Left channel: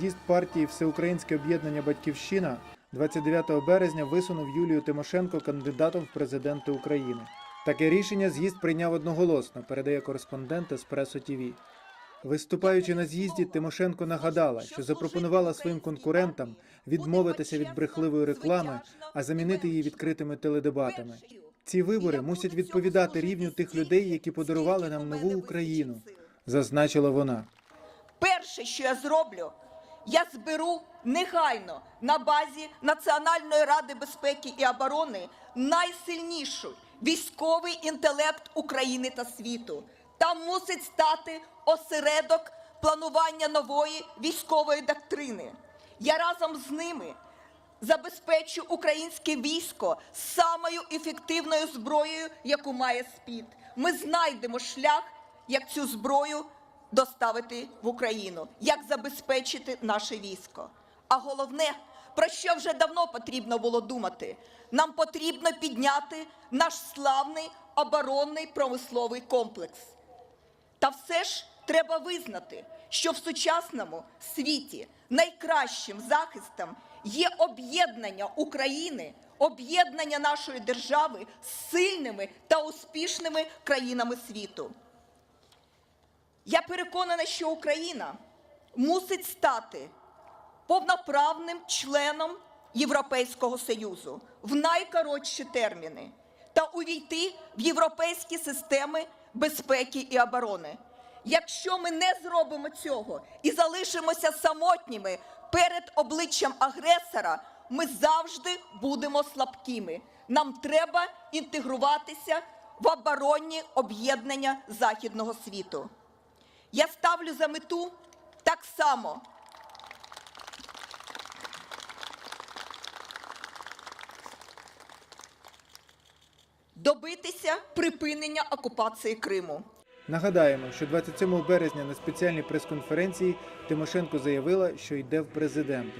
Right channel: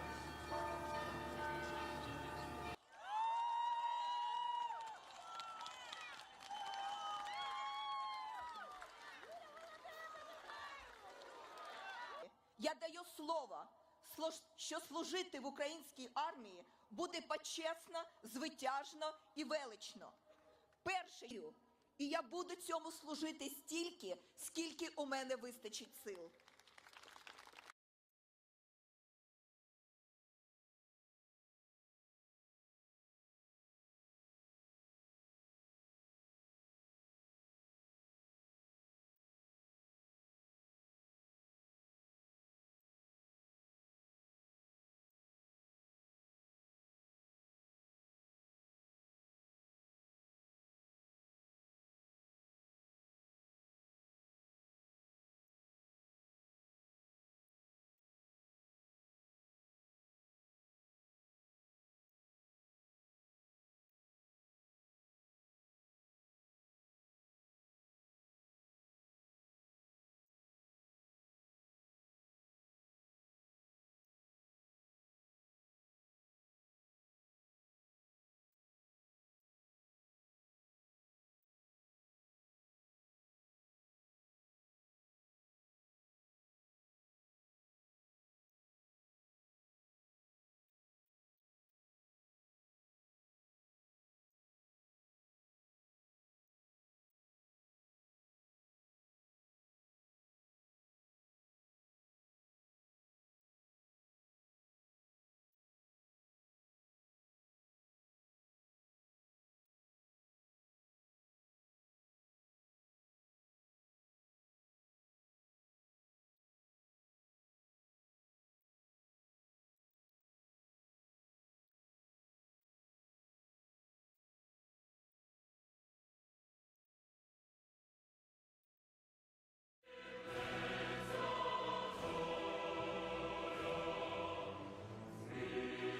з'їзд партії Всеукраїнське об'єднання Батьківщина 29 березня висунув Юлію Тимошенко кандидатом в президенти України. Таке рішення з'їзд прийняв одноголосно, передає кореспондент Еспресо ТІВІ. Виступаючи на з'їзді, Тимошенко нагадала, що запропонувала своїм конкурентам відмовитися від брехливої реклами, а замінити її відкритими теледебатами. Ці вибори мусять відповідати рівню тих людей, які подарували нам нову Україну, зазначила вона. Перше, що я зроблю, я зберу негайно на базі Національної ради безпеки і оборони найсильніший військовий інтелект України та світу. Там мусить стати осередок планування нової військової доктрини. Я разом з ними забезпечу українське військо самою ефективною зброєю, яку має СПІД. Ми знайдемо шлях, як цю зброю доставити в Україну, як забезпечити наше військо. А головне, про що вже давно потрібно було думати, нам потрібно підняти наш славний оборонний промисловий комплекс. Та все ж треба визнати, що в сучасному світі найкращим захистом є об'єднання України, об'єднання нашої держави з сильними та успішними країнами світу. Я переконана, що Україна мусить стати повноправним членом Європейського Союзу в найкоротші терміни та увійти в європейські системи безпеки і оборони. Якщо ми не зробимо цього і залишимося самотніми перед обличчям агресора, ми завжди будемо слабкими. Нам треба інтегруватися в оборонні об'єднання західного світу. Я ставлю за мету так само добитися припинення окупації Криму. Нагадаємо, що 27 березня на спеціальній прес-конференції Тимошенко заявила, що йде в президенти.